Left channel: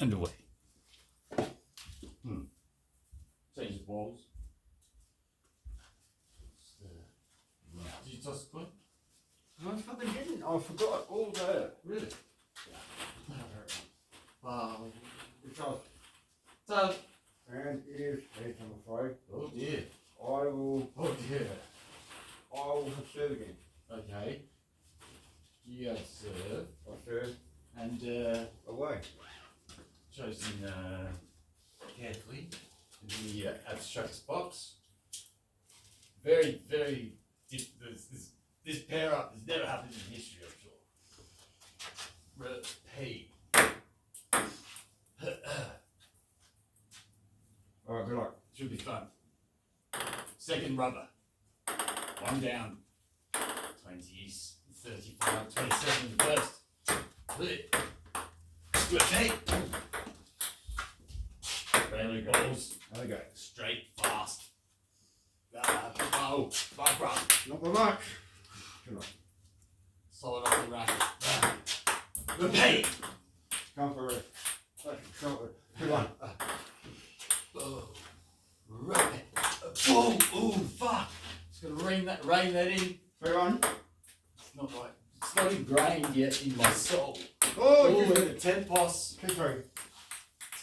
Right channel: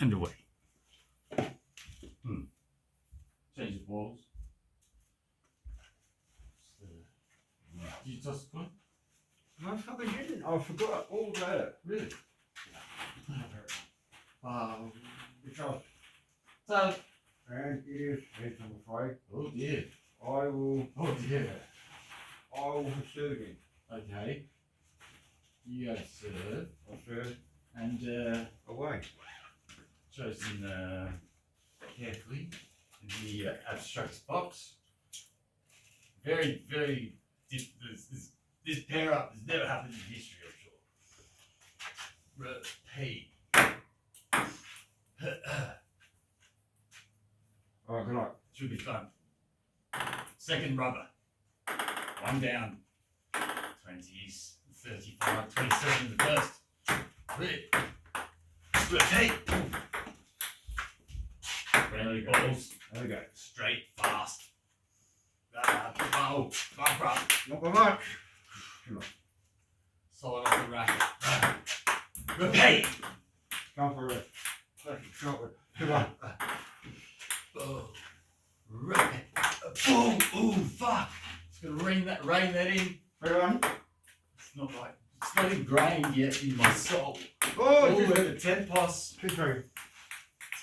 and away. Change the balls. Did you toss the coin? I fucking didn't. I forgot all that. Really? Because, So, and it is, yes, I'm afraid. oh dear. I will serve again. Okay. You go serve. I'll serve And away. chosen carefully in the abstracts box. Very, very this pair up has never happened in history, I'm sure. Repeat. Alright, good luck. Should be fun. Second rubber. One down. 20s, 35, 27 in the first. Repeat. Friendly balls. There we go. Straight, fast. Oh, back rub. Not by much. Good luck. Solid off the racket. Repeat. Come for it. Good luck. Oh. Repeat. Boom. Ooh, fuck. Just gonna rain that in. 3-1. It's not right. It's not ingrained yet in my soul. Oh, Ooh, and a 10 pos. 2-3.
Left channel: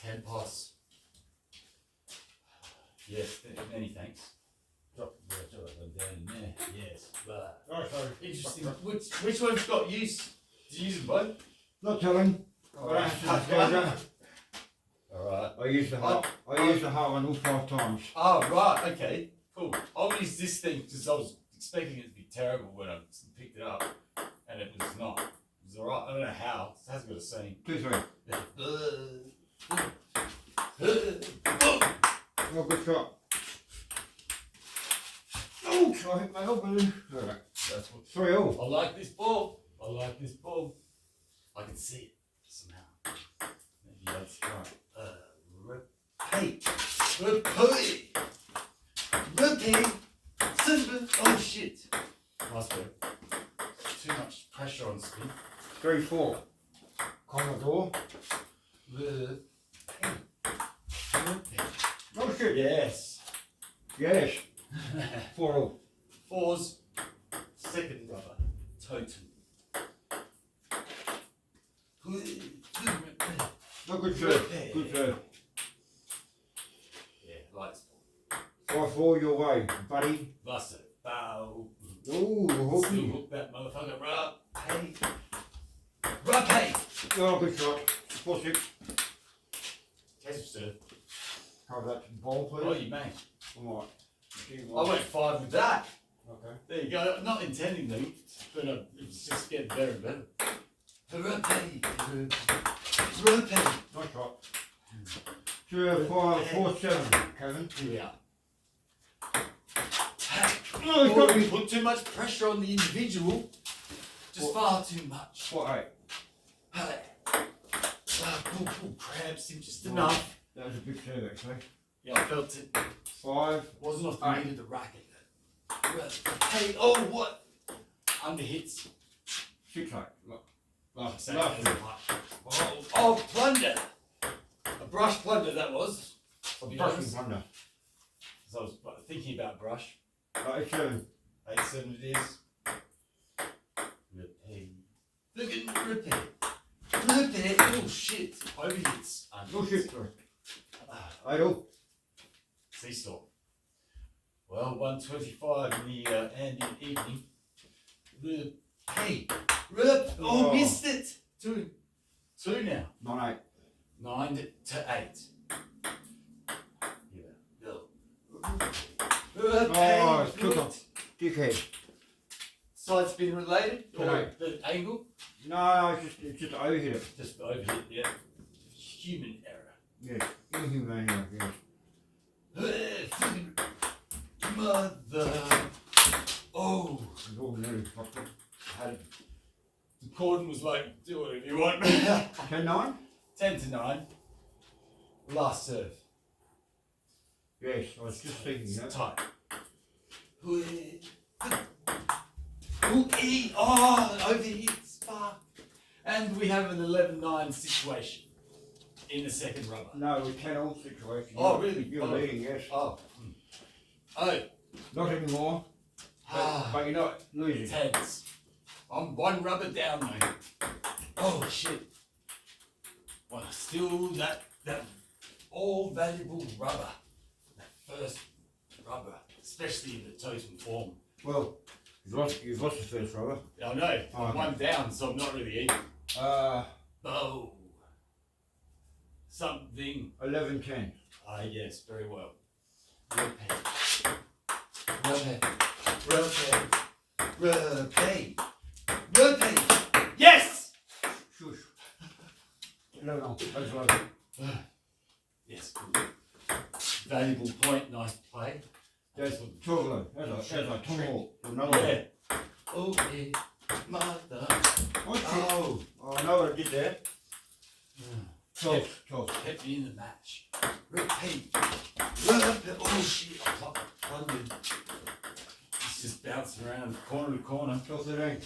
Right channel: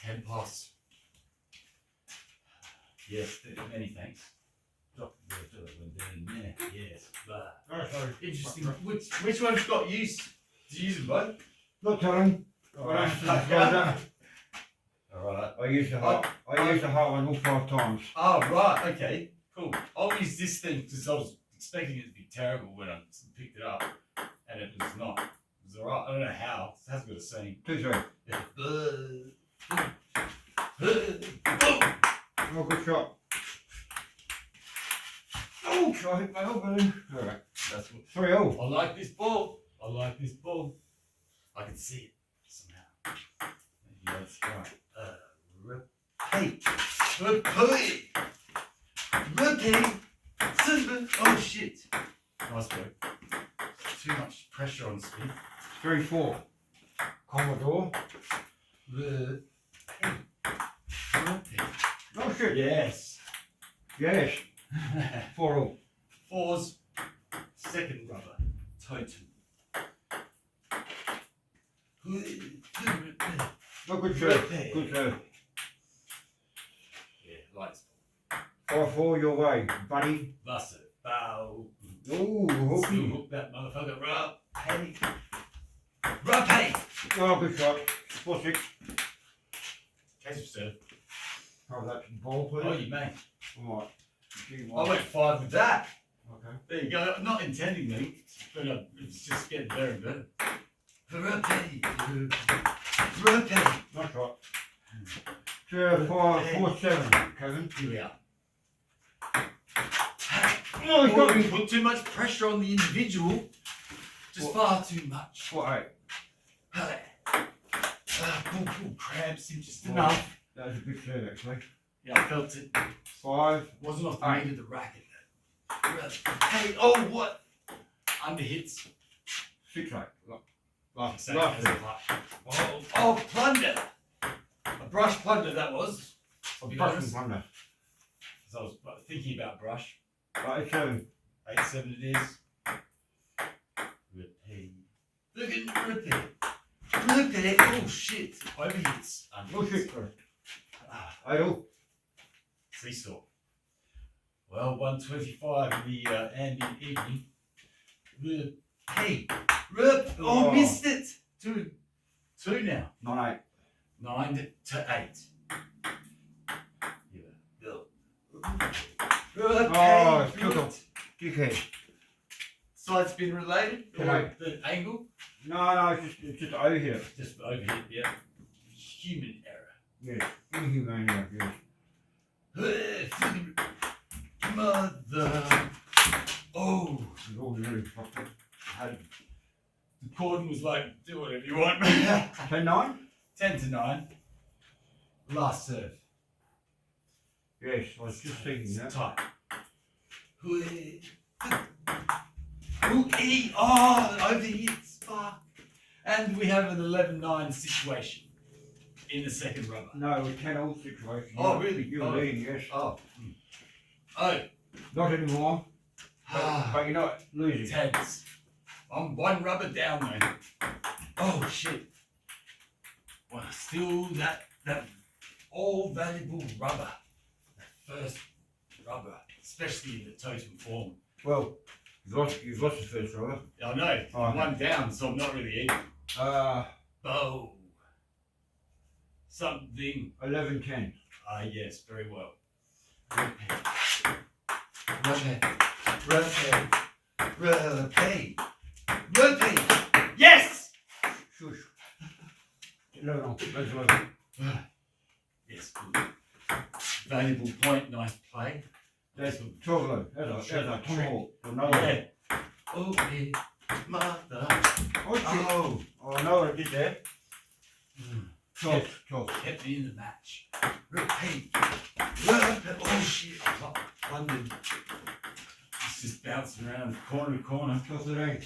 10 pos. Yes, many thanks. Drop that one down there. Yes. But Oh, sorry. interesting. Which one's got use? Did you use them both? Not telling. Alright. I used the heart one all 5 times. Oh, right. Okay. Cool. I'll use this thing because I was expecting it to be terrible when I picked it up, and it was not. It was alright. I don't know how. It hasn't got a saying. 2-3. Yeah. Oh, good shot. Oh, I hit my elbow. Right. That's what. 3-0. I like this ball. I like this ball. I can see it somehow. Maybe that's right. Repeat. Repeat. Repeat. Simple. Oh shit. Nice work. Too much pressure on speed. 3-4. Commodore. Repeat. Repeat. Oh shit. Yes. Yes. 4-all. Fours. Second rubber. Totem. No, good serve. Good serve. Yeah, lights. 5-4 your way, buddy. That's it. Bow. Ooh, hooky. Hook that motherfucker. Repeat. Repeat. Oh, good shot. 4-6. Case of serve. Cover that ball, please. Oh, you may. Alright. I went 5 with that. Okay. There you go. Not intendingly, but it was just getting better and better. Repeat. Repeat. Nice shot. 4-7, Kevin. Here we are. No, he's got me. Put too much pressure on the individual. Just far too much. 4-8. Cramps him just enough. That was a big serve, actually. Yeah, I felt it. 5. Wasn't off the meat of the racket. Hey, oh, what? Under hits. 6-8. Last Same as a putt. Oh, plunder. A brush plunder that was. A Be brushing honest. wonder. So I was thinking about brush. 8-7. 8-7 it is. Repeat. Look at repeat. Repeat. Oh shit. Overhits. Oh shit. 8-all. Seesaw. Well, 125 in the ambient evening. Repeat. Oh, missed it. 2 now. 9-8. 9 to 8. Yeah. Repeat. Oh, it's took off. Dickhead. Side spin related? Or No. the angle? No, it's just over here. Just overhit, yeah. Human error. Yes. Inhumane, yes. Mother. Oh. It's all new. The cordon was like, do whatever you want. 10-9? 10 to 9. Last serve. Yes, I was just thinking that. Tight. Oh, overhits. Fuck. And we have an 11-9 situation. in the second rubber. No, it was 10-all situation. Oh, really? You're Oh. leading, yes. Oh. Oh. Not anymore. But you're not losing. Tense. I'm one rubber down though. Oh shit. Well, still that all valuable rubber. That first rubber, especially in the totem form. Well, you've lost the first rubber. I know. Oh, I'm okay. one down, so I'm not really even. Oh. Something. 11-10. Ah, yes, very well. Repeat. Yes! Shush. 11-all. That's 11. Yes, good. Valuable point, nice play. That's 12-all. That's a tomahawk. Another one. Yeah. Oh, yeah. Mother. Oh, I know what I did there. 12. Kept me in the match. Repeat. Oh shit. I wondered. It's just bouncing around corner to corner. 12-13.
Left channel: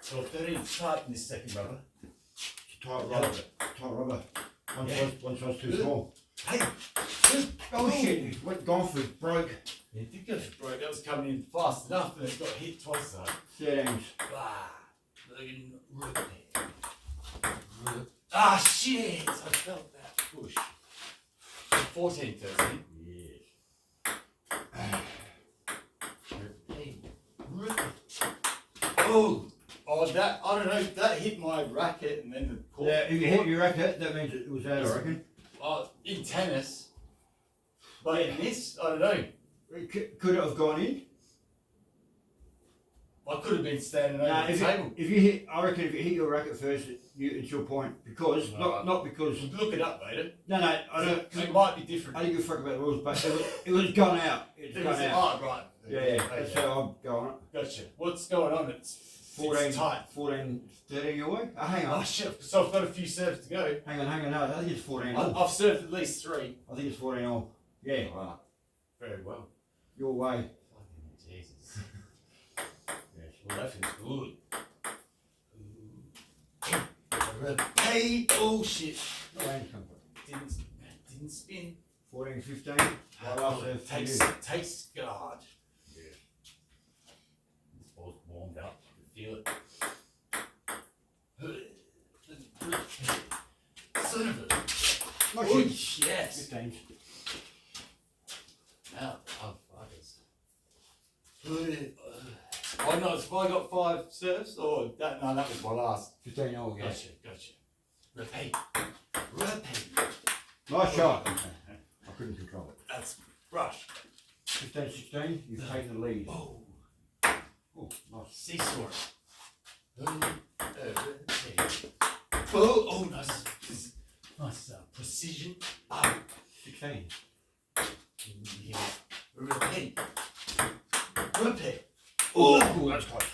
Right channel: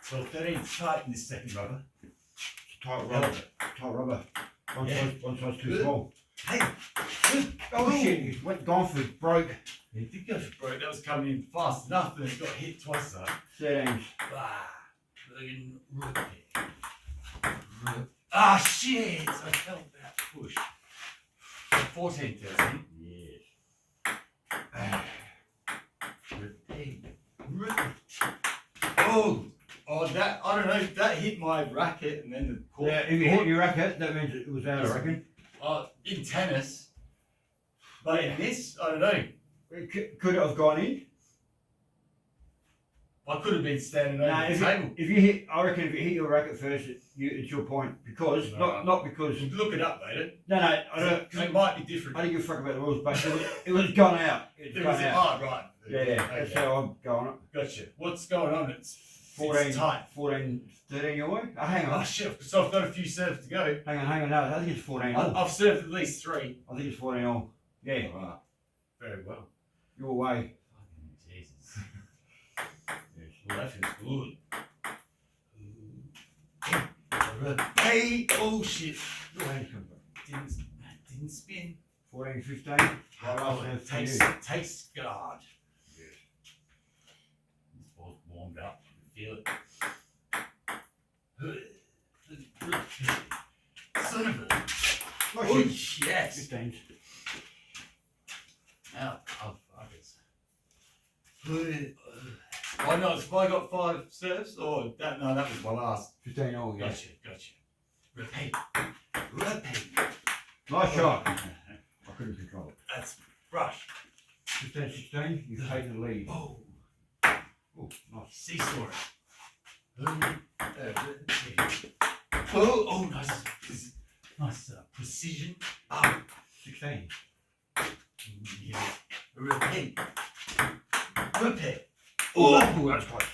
So 13 tight in this second rubber. It's a tight rubber. Tight rubber. One size too small. Hey. Oh shit, he went gone for it, broke. It did go for broke. That was coming in fast enough, and it got hit twice though. 13. Fucking repeat. Ah shit! I felt that push. 14, 13. Yes. Oh, that, I don't know, that hit my racket and then the court. Yeah, if you hit your racket, that means it was out, I reckon. In tennis, but in this, I don't know. Could it have gone in? I could have been standing over the table. If you hit, I reckon if you hit your racket first, it's your point. Because, No. not because... You can look it up later. No, I don't... Because it might be different. I don't give a fuck about the rules, but it was gone out. It's gone out. Oh, right. Yeah, that's how I'm going on. Gotcha. What's going on? It's 14, tight. 14, 13 your way? Hang on. Oh, shit. So I've got a few serves to go. Hang on. No, I think it's 14 all. I've served at least 3. I think it's 14 all. Yeah. Wow. Very well. Your way. Fucking Jesus. Yes. Well, that feels good. Hey, oh shit. Wayne's come from. Didn't spin. 14, 15. Oh, takes guard. Yes. This ball's warmed up. I can feel it. Son of a. Oh, yes. 15. Now, oh no, have I got 5 serves? Or that? No, that was my last. 15 all, yeah. Gotcha. Repeat. Nice shot. I couldn't control it. That's brushed. 15, 16, you've taken the lead. Oh, Nice. seesaw. Oh, nice precision. Oh, 16. yeah. Repeat. Oh, that's close.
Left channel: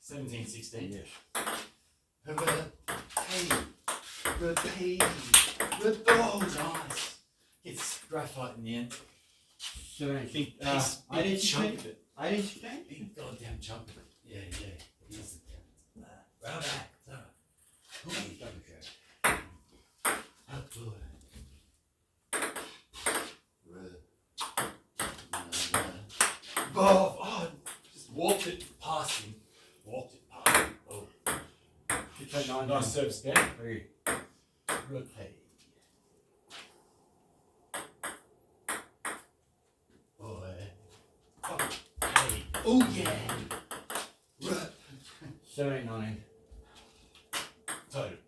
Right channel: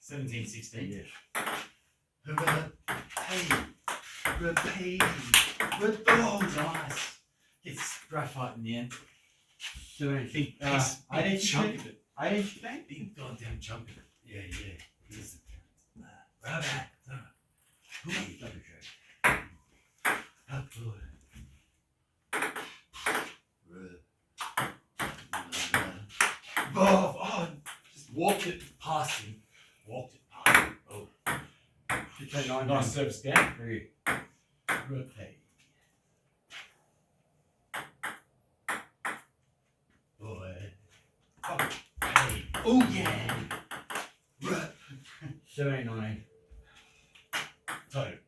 17, 16. Yes. Repeat. Oh, nice. It's graphite in the end. 17. Big piece, big chunk of it. 18, 16? Big goddamn chunk of it. Yeah. Here's the count. Right back. Double check. How good. Oh, just walked it past him. Oh. 16, 19. Nice service down. 3. Repeat. Boy. Hey. Oh, yeah. 17, 19. Total.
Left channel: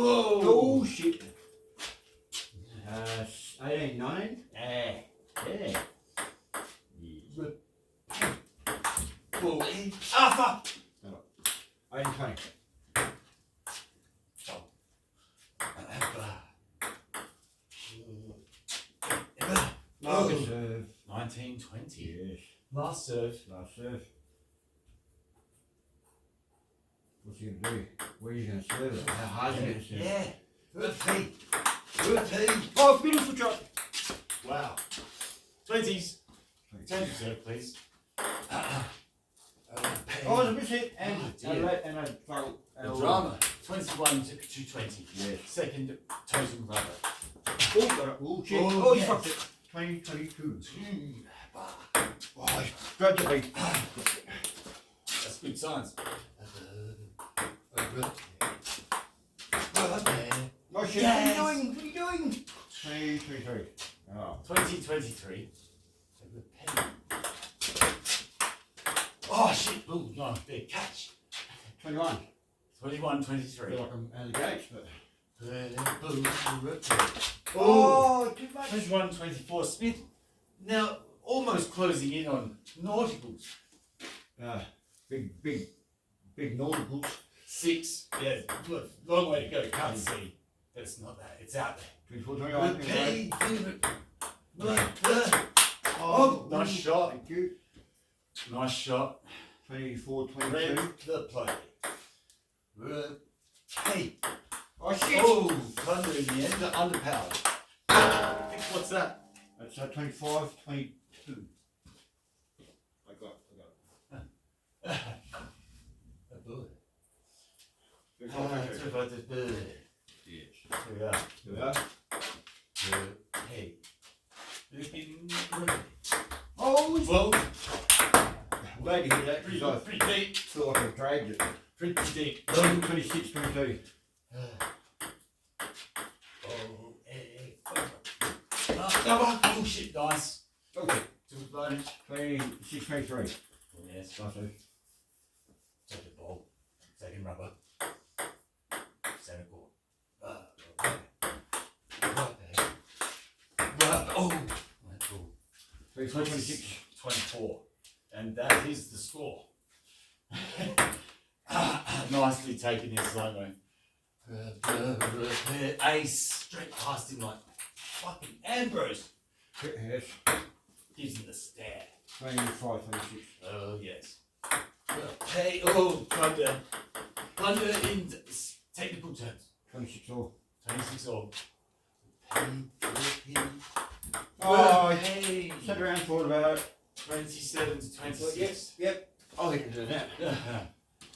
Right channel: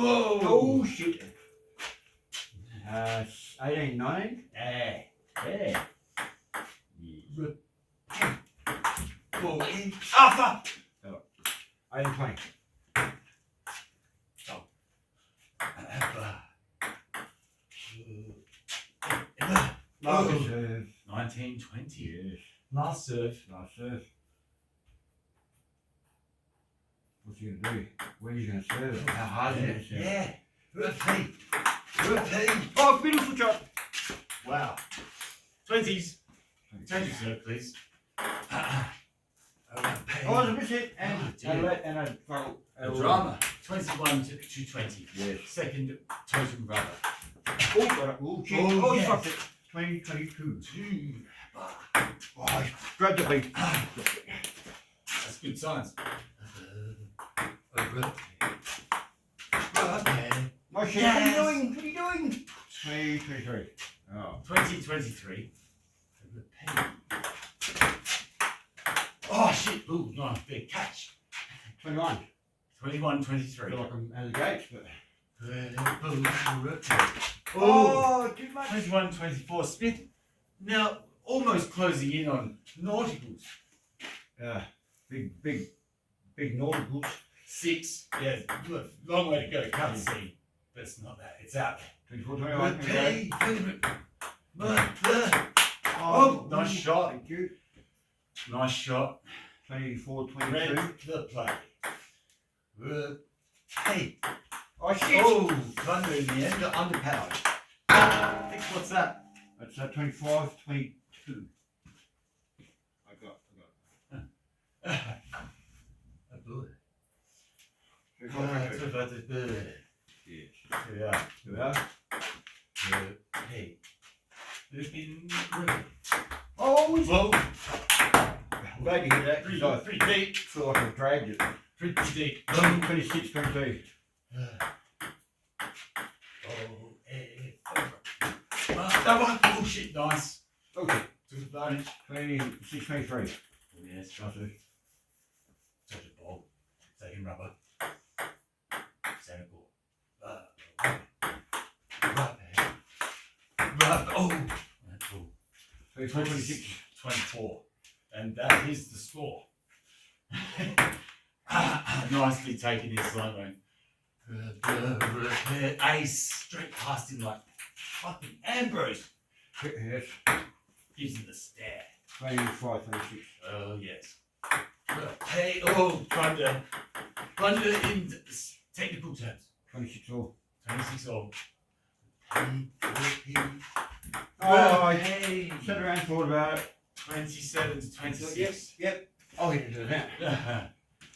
Oh shit. 18, 19. Yeah. Alpha. 18, 20. Last serve. 19, 20. Yes. Last serve. Last serve. What's he gonna do? Where are you gonna serve it? How hard is it to serve? Yeah. Repeat. Repeat. Oh, beautiful shot. Wow. 20s. Change reserve, please. Oh, there's a miss hit and dear. and a fail. The drama. 21 to 20. Yes. Second totem rubber. Oh, got it. Oh, shit. Oh, Oh, yes. he fucked it. 20, 22. 2. Oh, I grabbed the beat. That's good signs. Oh, shit. Yes. What are you doing? What are you doing? 20, 23. Oh. 2023. Oh shit! Ooh, nice big catch. 21. 21, I 23. feel like I'm out of the gates, but. Oh, Oh, too much. 21, 24. Smith now almost closing in on nauticals. Big nauticals. 6. Yeah, look, long way to go. Can't see, but it's not that. It's out there. 24, 21. Oh, nice shot. Thank you. Nice shot. 24, 22. Red the play. Hey. Oh, shit. Oh, thunder in the end. Got underpowered. What's that? That's 25, 22. I got. A bird. 24, 22. Yes. Yeah. Yeah. Hey. Oh, Whoa. I'm glad to hear that. Pretty, 'Cause I pretty deep. feel like I dragged it. Pretty deep. 26, 22. Oh shit, nice. Okay. Took advantage. 26, 23. Oh, yes, take a ball. Second rubber. Center court. Rubber. Oh, that's cool. 24, 26. 24. And that is the score. Nicely taken in slow mo. Ace straight past him like fucking Ambrose. Yes. Gives him the stare. 25, 26. Oh yes. Hey, oh, thunder in technical terms. 26 all. 26 all. Oh, hey. sat around thought about it. 27 to 26. Yep. I'll get into that.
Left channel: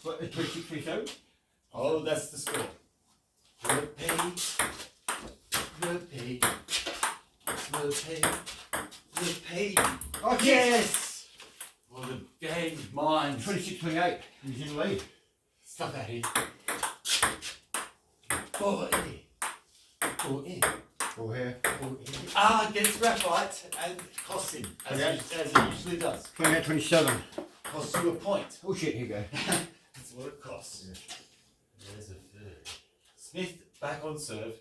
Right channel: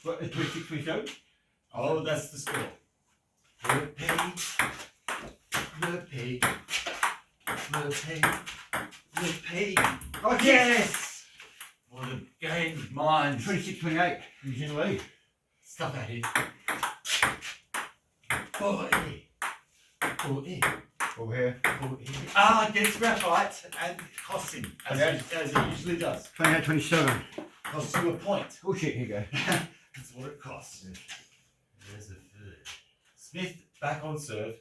What, 26, 27? Oh, that's the score. Repeat. Oh, Yes! Well, the game minds. 26, 28. He's in the lead. Stuff out here. Oh, Over here. gets graphite and costs him, as it usually does. 28, 27. Costs you a point. Oh shit, here you go. That's what it costs. Yes. There's a third. Smith back on serve.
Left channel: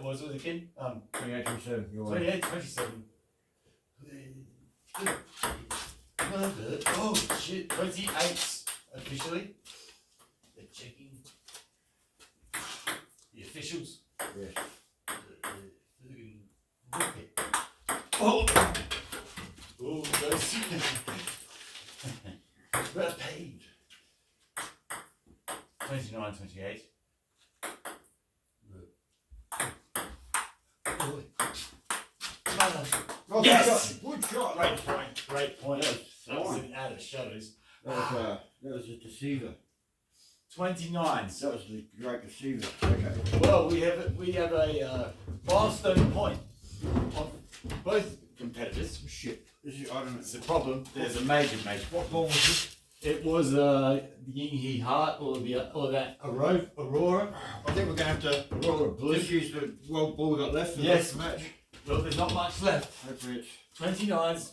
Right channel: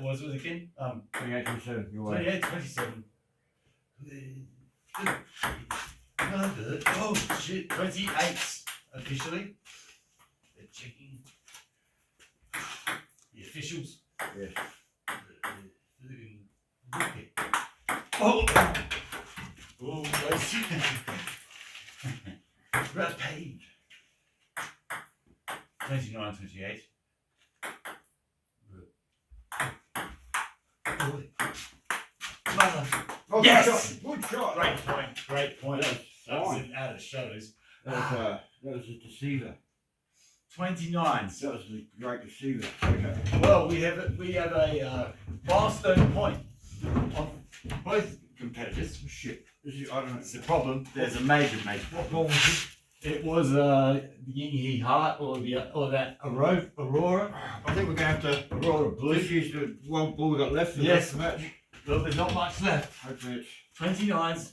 What was it again? 28, 27. Your way. 28, 27. Oh shit, 28 officially. They're checking. The officials. Yes. Oh! Oh, nice. Repeat. 29, 28. Mother. Oh, Yes! Good shot. Great point. Great point. Yes, That was fine. in out of shadows. That was a deceiver. 29. That was the great deceiver. Okay. Well, we have a milestone point on both competitors. Shit. This is, I don't know. It's a problem. There's a major. What ball was it? It was the Yinghe Heart or that Aurora I think we're going to have to. Aurora Blue. This is the one ball we got left. For Yes. the match. Well, there's not much left. Hopefully it's. 29's.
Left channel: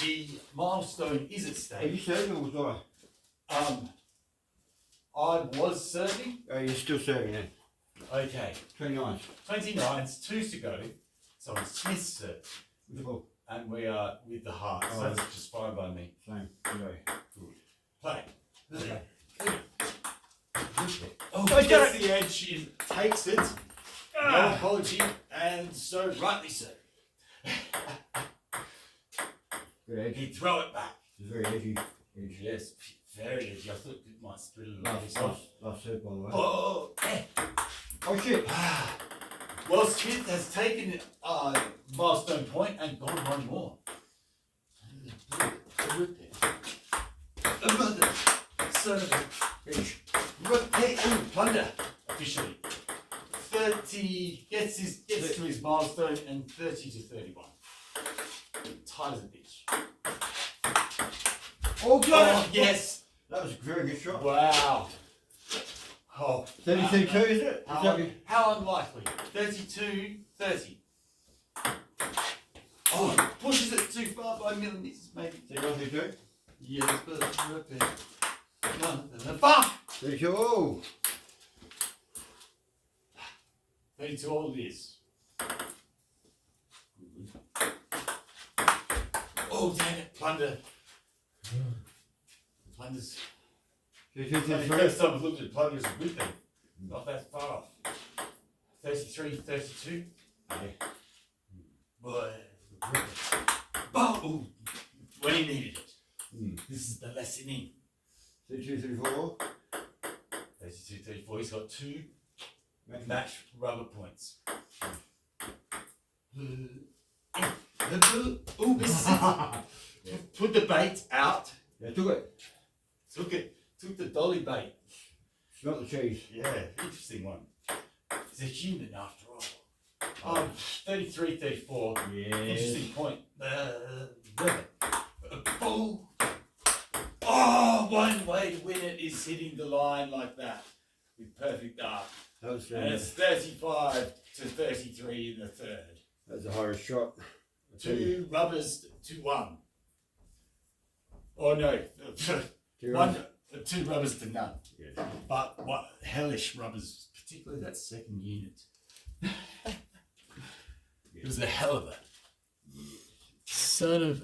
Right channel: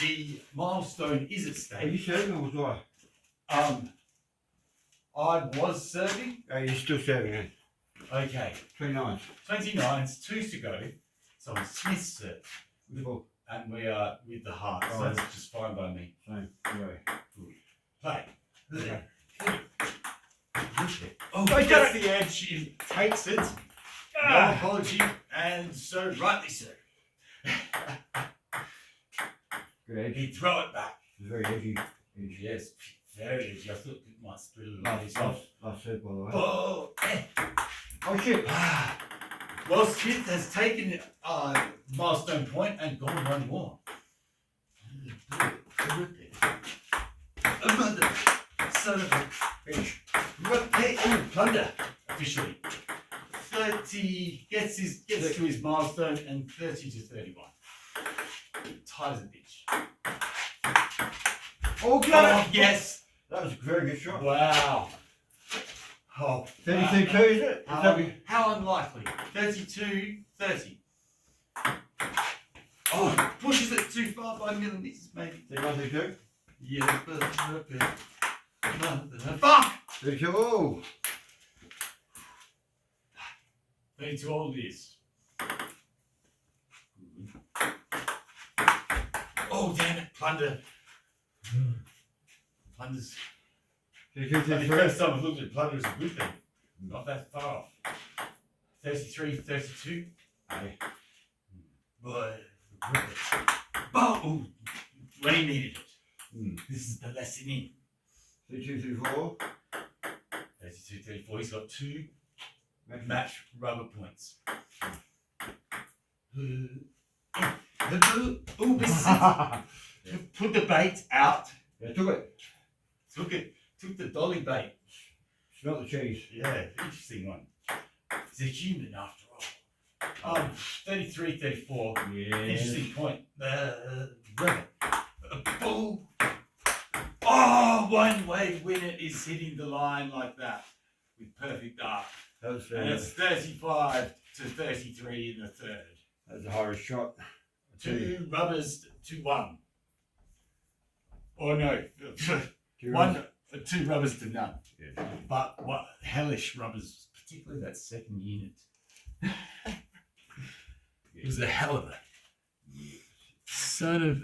The milestone is at Are you stake. serving or was I? I was serving. Oh, you're still serving it. Okay. 29. 29's 2 to go. So it's Smith's serve. Cool. And we are with the heart. So Oh. that's just fine by me. Same. Anyway. Play. Okay. Oh, he gets the edge. He takes it. No apology. And so rightly so. Good edge. He throw it back. It's very edgy. Yes. Very easy. I thought it might split a little bit. Last set, by the way. Oh, Oh shit! Well, Smith has taken milestone point and gone one more. Another son of a bitch. Repeat. Oh, plunder. Officially. 30 gets to his milestone and 30 to 31. Tight as a bitch. Oh, good! Oh, yes! That was a very good shot. Wow. Oh, 32 2, is it? how unlikely? 32, 30. Oh, pushes it too far by millimeters, maybe. 31 32? Yes, but fuck! 32, oh! 32 all it is. Oh, damn it, plunder. Plunder's. 32 The 33. first time I've looked at plunder is a good thing. Not that far off. 33, 32. Aye. Boy. Oh, when he needed it. This is the lesson in. 32 34. 32, 34. He's got 2 match rubber points. Oh, this is put the bait out. Yeah, took it. Took the dolly bait. Smell the cheese. Yeah, interesting one. He's a human after all. 33, 34. Yeah. Interesting point. Oh, one way win it is hitting the line like that with perfect arc. That was And it's 35 to 33 in the third. that's the hardest shot. 2 rubbers to 1. Or no, 2 rubbers to none. Yeah. But what hellish rubbers, particularly that second unit. It was a hell of a son of